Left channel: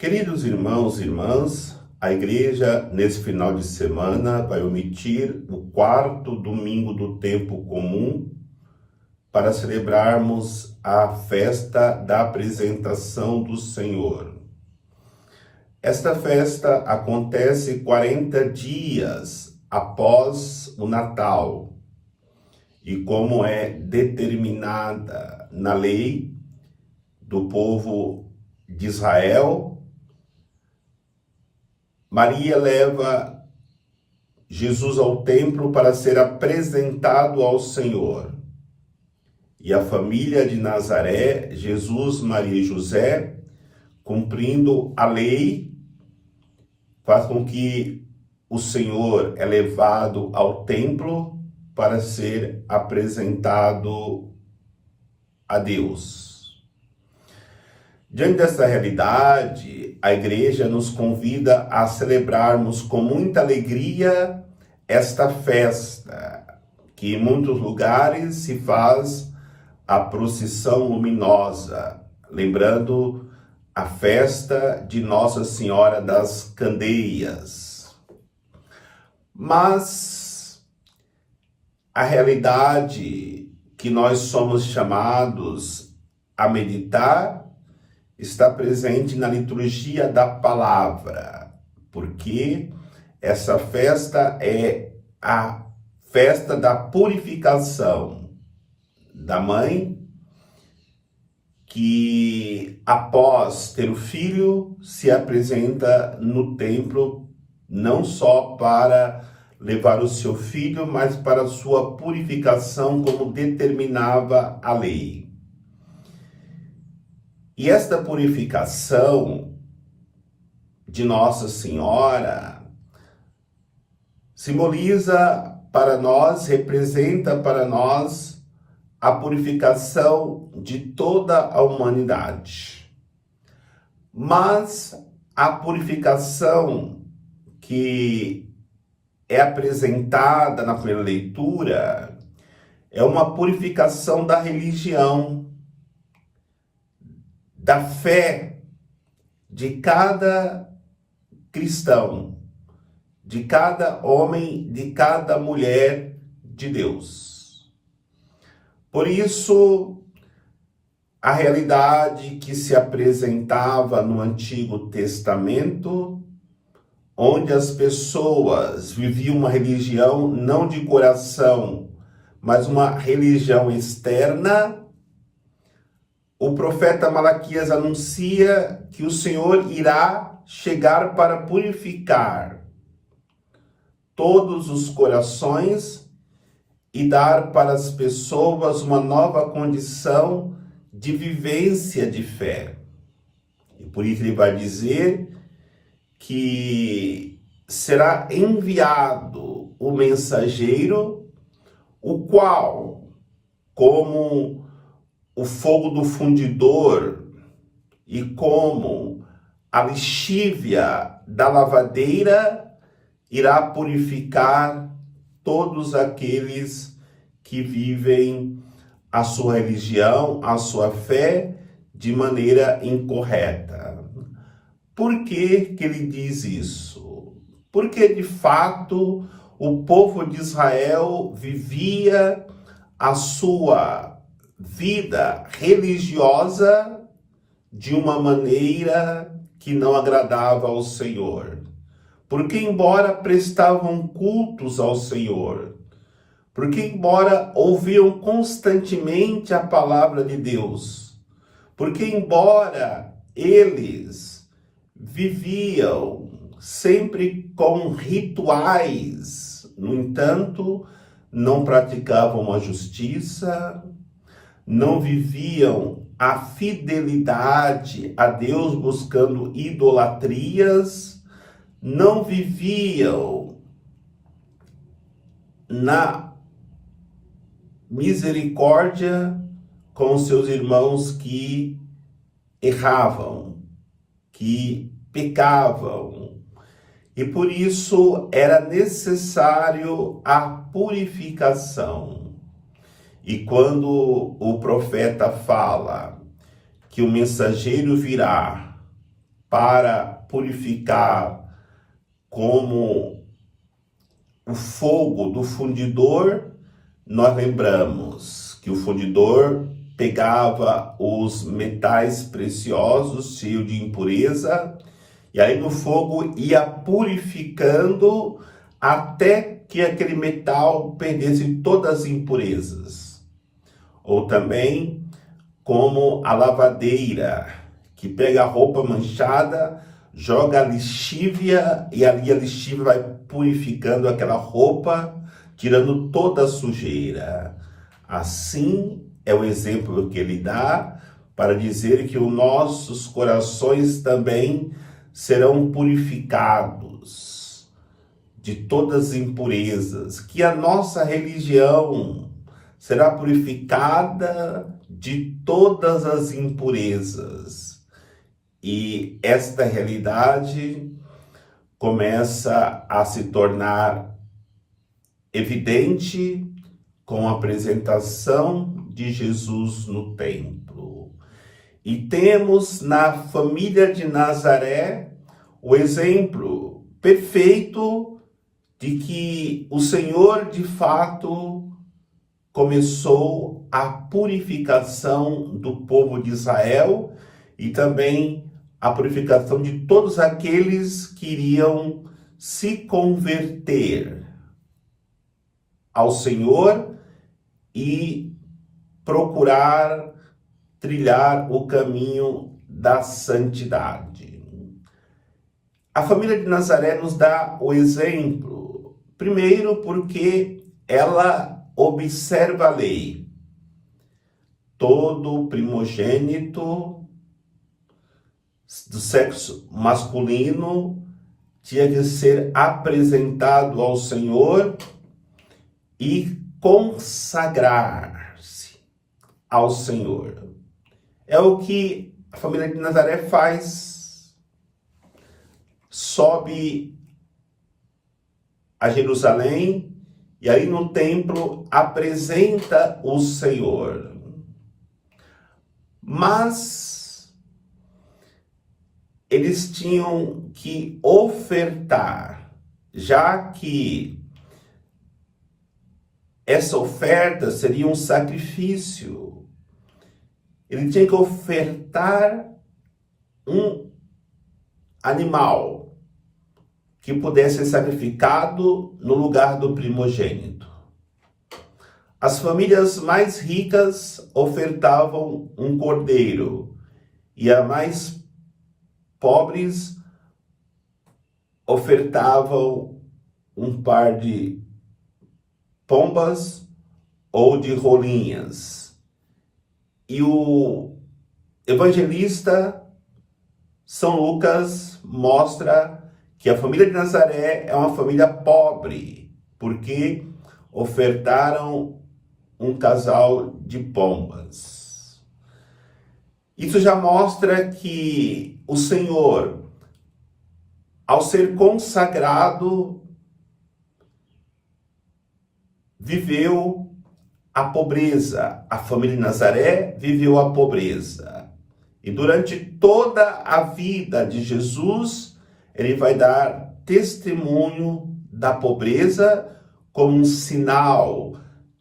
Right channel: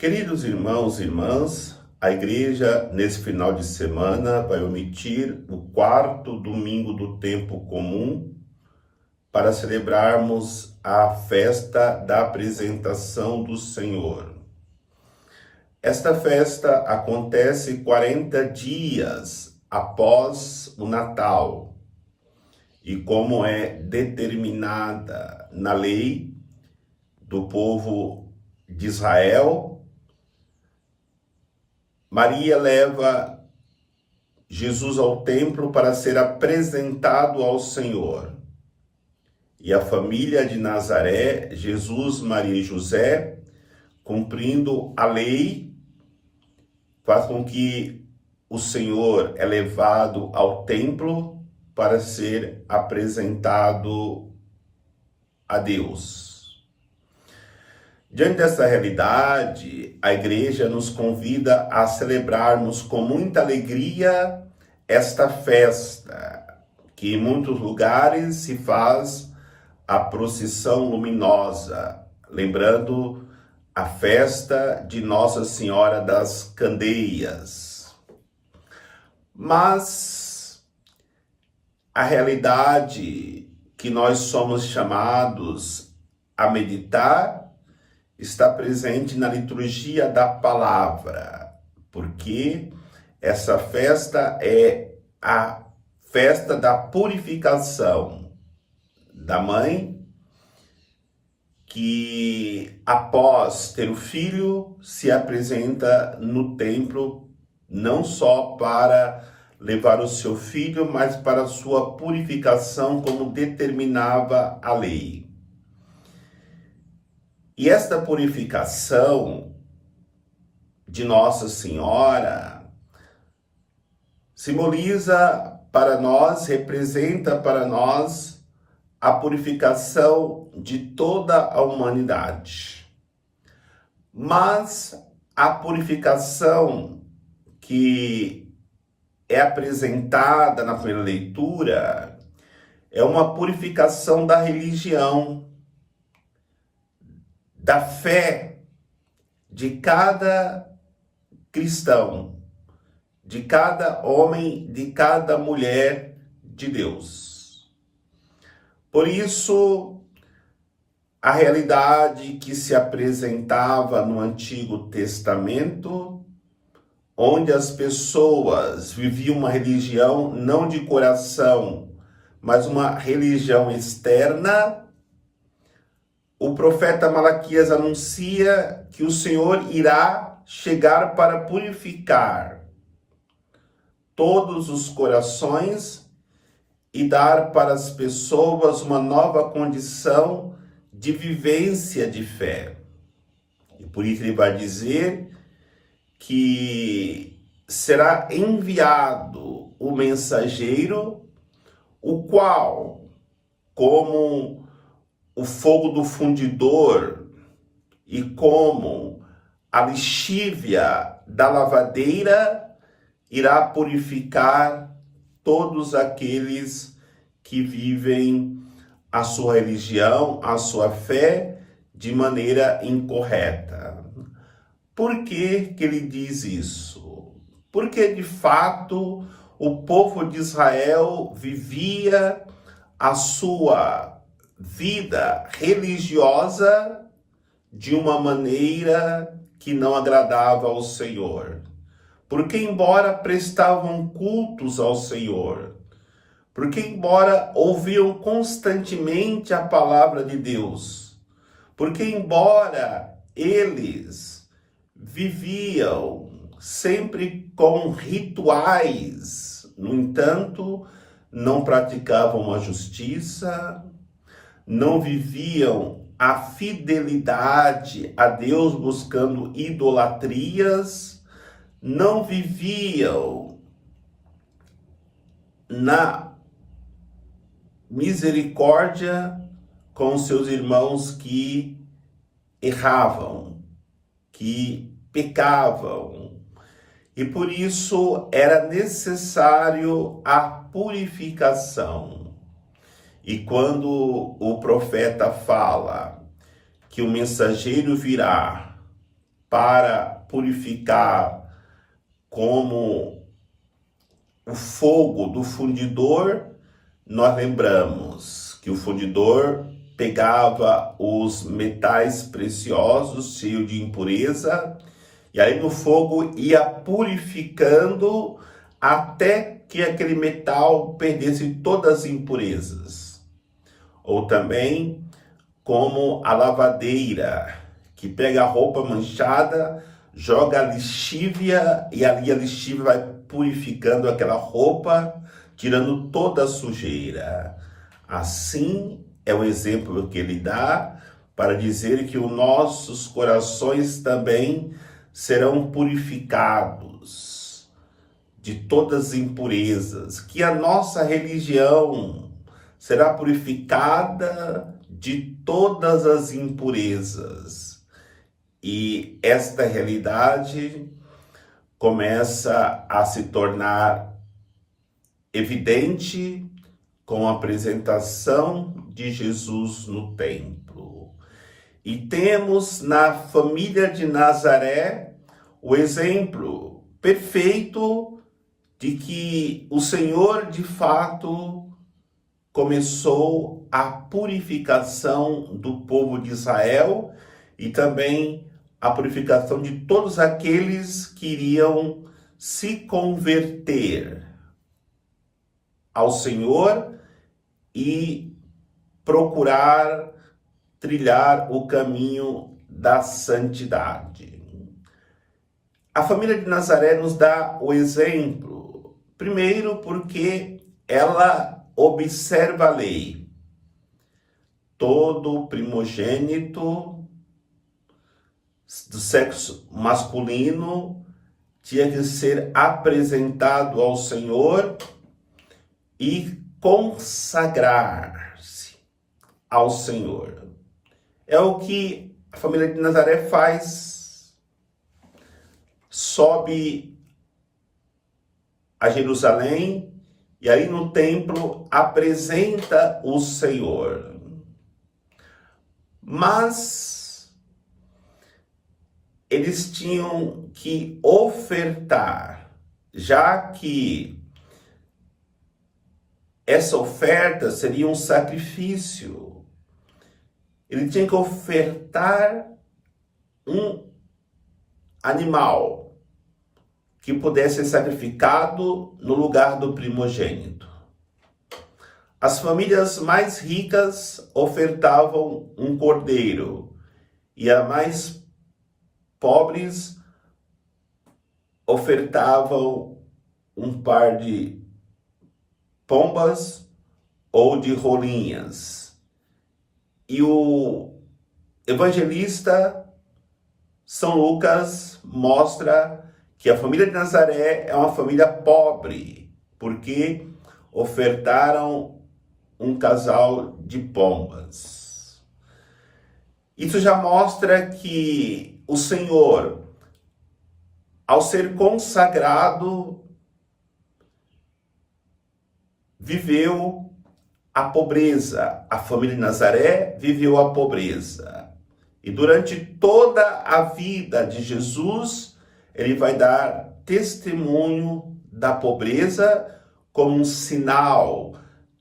Queridos irmãos e irmãs, a igreja, nesse final de semana, vai omitir o quarto domingo do tempo comum para celebrarmos a festa da apresentação do Senhor. Esta festa acontece 40 dias após o Natal e, como é determinada na lei do povo de Israel, Maria leva Jesus ao templo para ser apresentado ao Senhor. E a família de Nazaré, Jesus, Maria e José, cumprindo a lei, faz com que o Senhor é levado ao templo para ser apresentado a Deus. Diante dessa realidade, a igreja nos convida a celebrarmos com muita alegria esta festa, que em muitos lugares se faz a procissão luminosa, lembrando a festa de Nossa Senhora das Candeias. Mas a realidade que nós somos chamados a meditar está presente na liturgia da palavra, porque essa festa é a festa da purificação da mãe, que após ter o filho se apresenta no templo não só para levar o seu filho, mas para sua purificação, como determinava a lei. E esta purificação de Nossa Senhora simboliza para nós, representa para nós a purificação de toda a humanidade. Mas a purificação que é apresentada na primeira leitura é uma purificação da religião, da fé de cada cristão, de cada homem, de cada mulher de Deus. Por isso, a realidade que se apresentava no Antigo Testamento, onde as pessoas viviam uma religião não de coração, mas uma religião externa, o profeta Malaquias anuncia que o Senhor irá chegar para purificar todos os corações e dar para as pessoas uma nova condição de vivência de fé. E por isso ele vai dizer que será enviado o mensageiro, o qual, como o fogo do fundidor e como a lexívia da lavadeira, irá purificar todos aqueles que vivem a sua religião, a sua fé de maneira incorreta. Por que ele diz isso? Porque de fato o povo de Israel vivia a sua vida religiosa de uma maneira que não agradava ao Senhor. Porque embora prestavam cultos ao Senhor, porque embora ouviam constantemente a palavra de Deus, porque embora eles viviam sempre com rituais, no entanto, não praticavam a justiça, não viviam a fidelidade a Deus buscando idolatrias, não viviam na misericórdia com seus irmãos que erravam, que pecavam. E por isso era necessário a purificação. E quando o profeta fala que o mensageiro virá para purificar, como o fogo do fundidor, nós lembramos que o fundidor pegava os metais preciosos cheios de impureza, e aí no fogo ia purificando até que aquele metal perdesse todas as impurezas. Ou também como a lavadeira, que pega a roupa manchada, joga a lexívia, e ali a lexívia vai purificando aquela roupa, tirando toda a sujeira. Assim é o exemplo que ele dá para dizer que os nossos corações também serão purificados de todas as impurezas, que a nossa religião será purificada de todas as impurezas. E esta realidade começa a se tornar evidente com a apresentação de Jesus no templo. E temos na família de Nazaré o exemplo perfeito de que o Senhor, de fato, começou a purificação do povo de Israel e também a purificação de todos aqueles que iriam se converter ao Senhor e procurar trilhar o caminho da santidade. A família de Nazaré nos dá o exemplo, primeiro porque ela observa a lei. Todo primogênito do sexo masculino tinha que ser apresentado ao Senhor e consagrar-se ao Senhor. É o que a família de Nazaré faz. Sobe a Jerusalém e aí no templo apresenta o Senhor. Mas eles tinham que ofertar, já que essa oferta seria um sacrifício. Ele tinha que ofertar um animal que pudesse ser sacrificado no lugar do primogênito. As famílias mais ricas ofertavam um cordeiro e as mais pobres ofertavam um par de pombas ou de rolinhas. E o evangelista São Lucas mostra que a família de Nazaré é uma família pobre, porque ofertaram um casal de pombas. Isso já mostra que o Senhor, ao ser consagrado, viveu a pobreza. A família de Nazaré viveu a pobreza. E durante toda a vida de Jesus, ele vai dar testemunho da pobreza como um sinal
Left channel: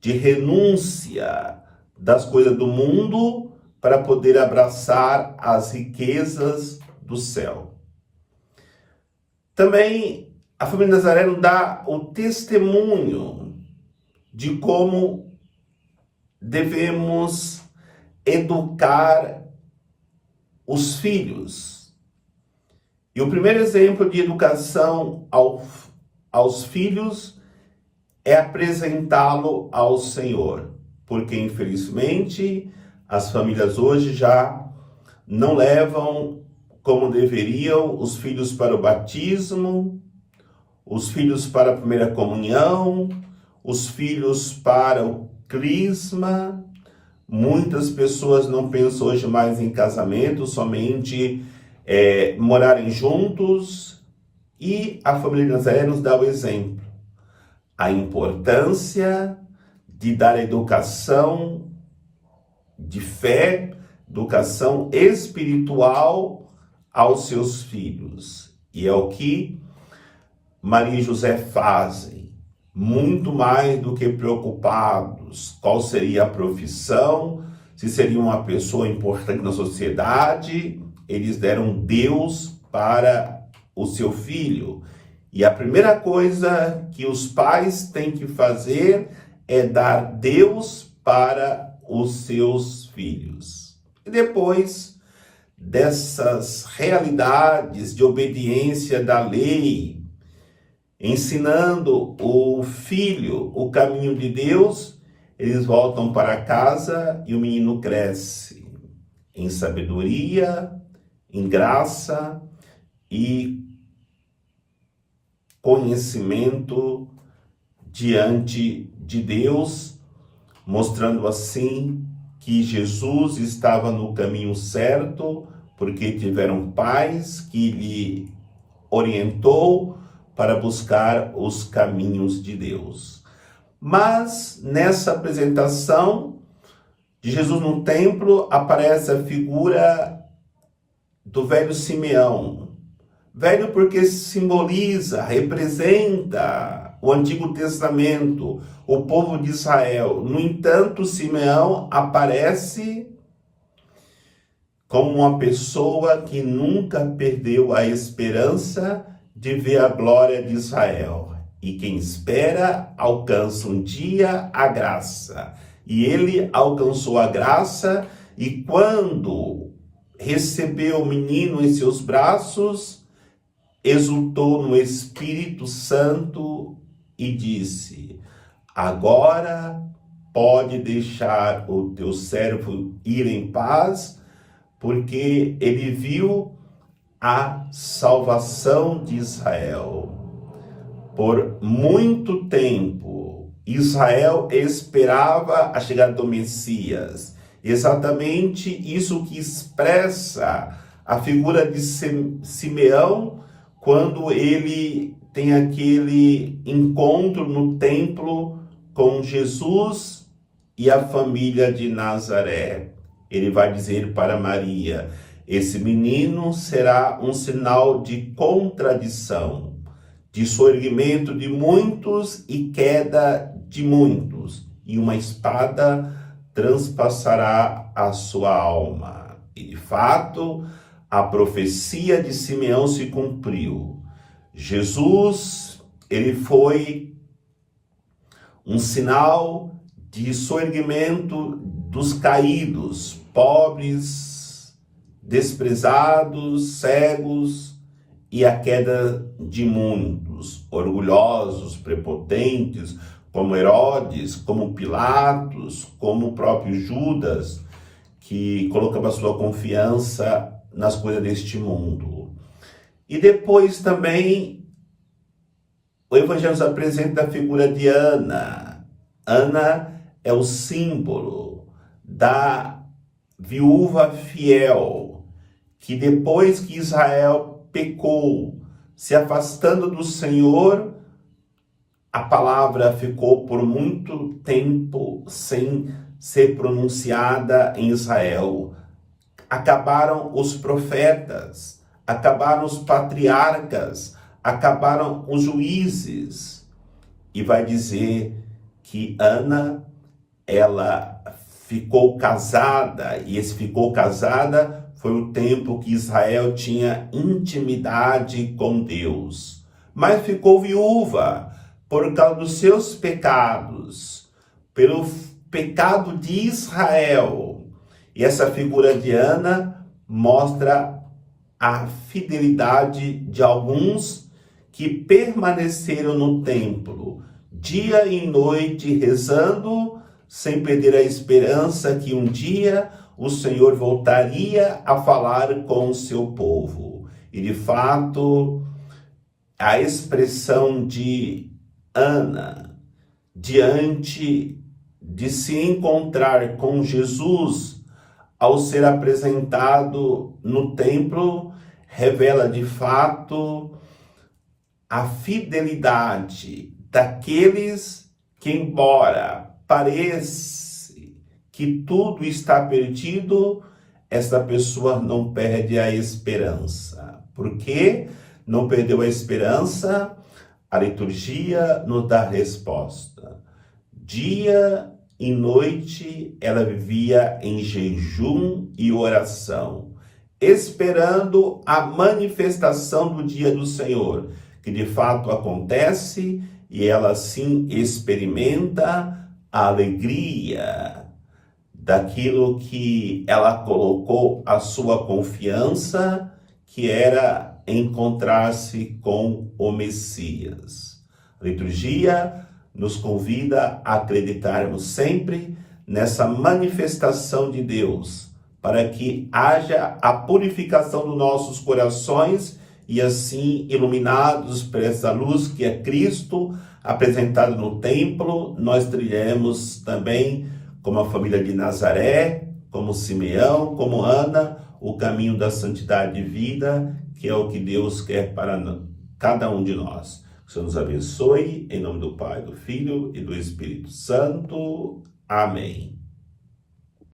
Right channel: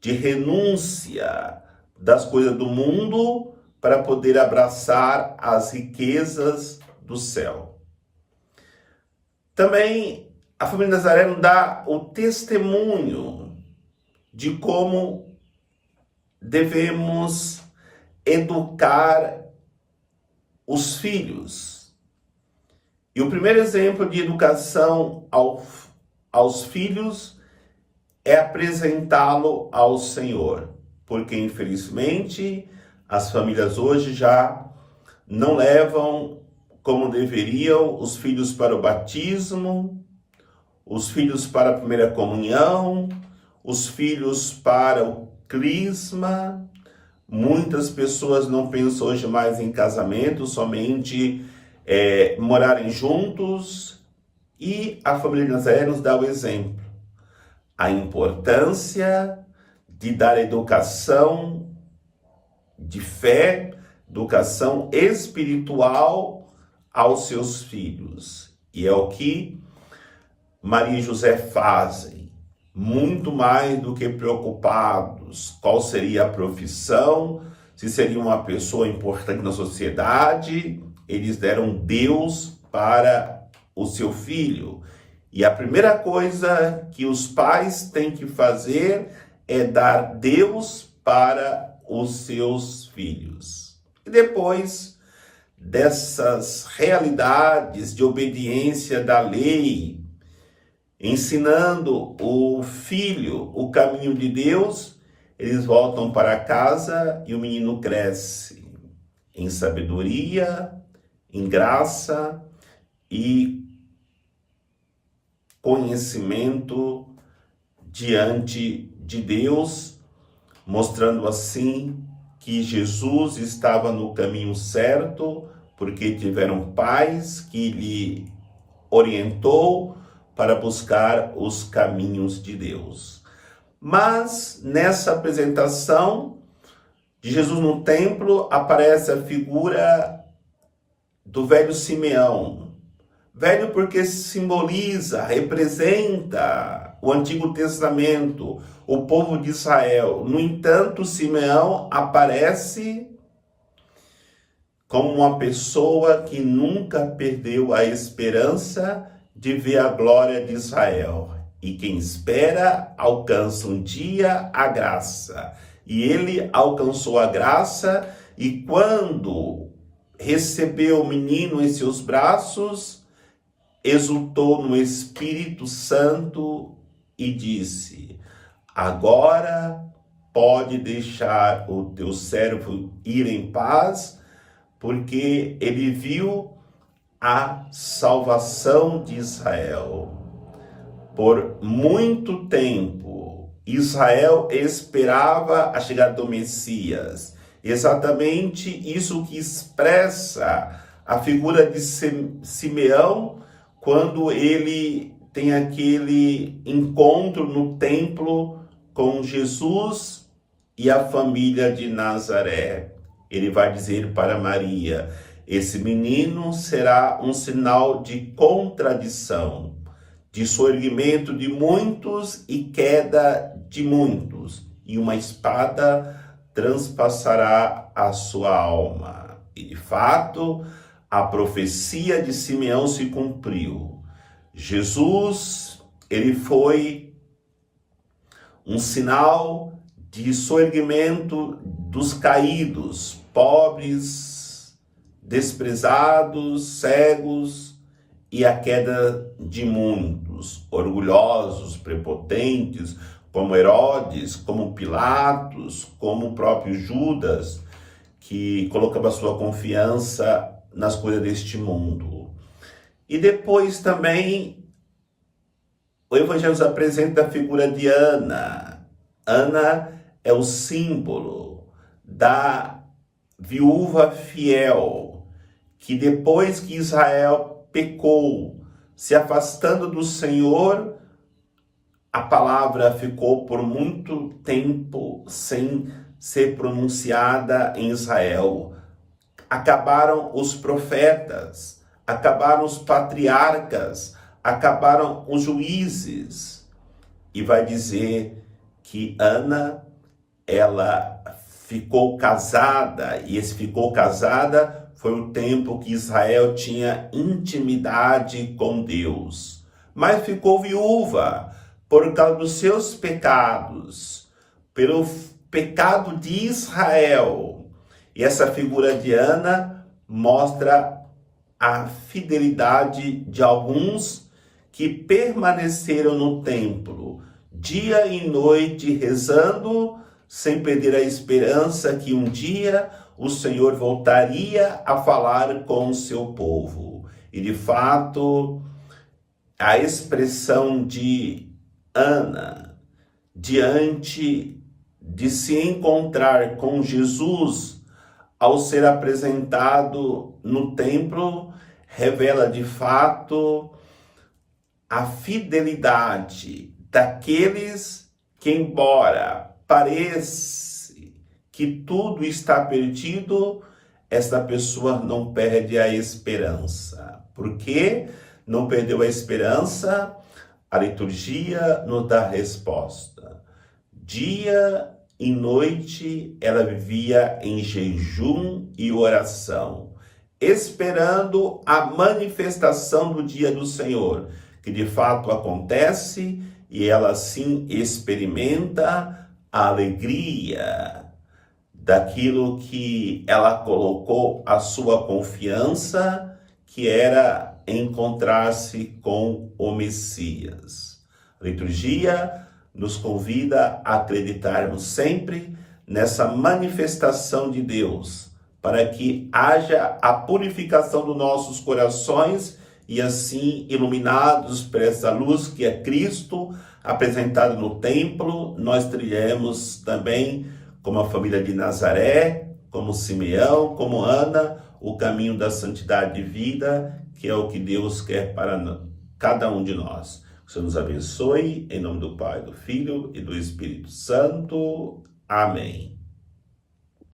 de renúncia das coisas do mundo para poder abraçar as riquezas do céu. Também a família de Nazaré nos dá o testemunho de como devemos educar os filhos. E o primeiro exemplo de educação aos filhos é apresentá-lo ao Senhor, porque infelizmente as famílias hoje já não levam como deveriam os filhos para o batismo, os filhos para a primeira comunhão, os filhos para o crisma. Muitas pessoas não pensam hoje mais em casamento, somente morarem juntos. E a família de Nazaré nos dá o exemplo. A importância de dar educação de fé, educação espiritual aos seus filhos. E é o que Maria e José fazem, muito mais do que preocupados qual seria a profissão, se seria uma pessoa importante na sociedade. Eles deram Deus para o seu filho. E a primeira coisa que os pais têm que fazer é dar Deus para os seus filhos. E depois dessas realidades de obediência da lei, ensinando o filho o caminho de Deus, eles voltam para casa e o menino cresce em sabedoria, em graça e conhecimento diante de Deus, mostrando assim que Jesus estava no caminho certo, porque tiveram pais que lhe orientou para buscar os caminhos de Deus. Mas nessa apresentação de Jesus no templo aparece a figura do velho Simeão. Velho porque simboliza, representa o Antigo Testamento, o povo de Israel. No entanto, Simeão aparece como uma pessoa que nunca perdeu a esperança de ver a glória de Israel. E quem espera alcança um dia a graça. E ele alcançou a graça, e quando recebeu o menino em seus braços, exultou no Espírito Santo e disse: agora pode deixar o teu servo ir em paz, porque ele viu a salvação de Israel. Por muito tempo, Israel esperava a chegada do Messias. Exatamente isso que expressa a figura de Simeão, quando ele tem aquele encontro no templo com Jesus e a família de Nazaré. Ele vai dizer para Maria: esse menino será um sinal de contradição, de soerguimento de muitos e queda de muitos, e uma espada transpassará a sua alma. E de fato, a profecia de Simeão se cumpriu. Jesus, ele foi um sinal de soerguimento dos caídos, pobres, desprezados, cegos, e a queda de muitos, orgulhosos, prepotentes, como Herodes, como Pilatos, como o próprio Judas, que colocava sua confiança nas coisas deste mundo. E depois também o Evangelho nos apresenta a figura de Ana. Ana é o símbolo da viúva fiel, que depois que Israel pecou, se afastando do Senhor, a palavra ficou por muito tempo sem ser pronunciada em Israel. Acabaram os profetas, acabaram os patriarcas, acabaram os juízes. E vai dizer que Ana, ela ficou casada, e esse ficou casada foi o tempo que Israel tinha intimidade com Deus. Mas ficou viúva por causa dos seus pecados, pelo pecado de Israel. E essa figura de Ana mostra a fidelidade de alguns que permaneceram no templo, dia e noite, rezando, sem perder a esperança que um dia o Senhor voltaria a falar com o seu povo. E de fato, a expressão de Ana, diante de se encontrar com Jesus, ao ser apresentado no templo, revela de fato a fidelidade daqueles que, embora pareça que tudo está perdido, esta pessoa não perde a esperança. Por que não perdeu a esperança? A liturgia nos dá a resposta. Dia e noite ela vivia em jejum e oração, esperando a manifestação do dia do Senhor, que de fato acontece, e ela assim experimenta a alegria daquilo que ela colocou a sua confiança, que era encontrar-se com o Messias. A liturgia nos convida a acreditarmos sempre nessa manifestação de Deus, para que haja a purificação dos nossos corações e assim, iluminados por essa luz que é Cristo, apresentado no templo, nós trilhemos também, como a família de Nazaré, como Simeão, como Ana, o caminho da santidade de vida, que é o que Deus quer para cada um de nós. Que o Senhor nos abençoe, em nome do Pai, do Filho e do Espírito Santo. Amém.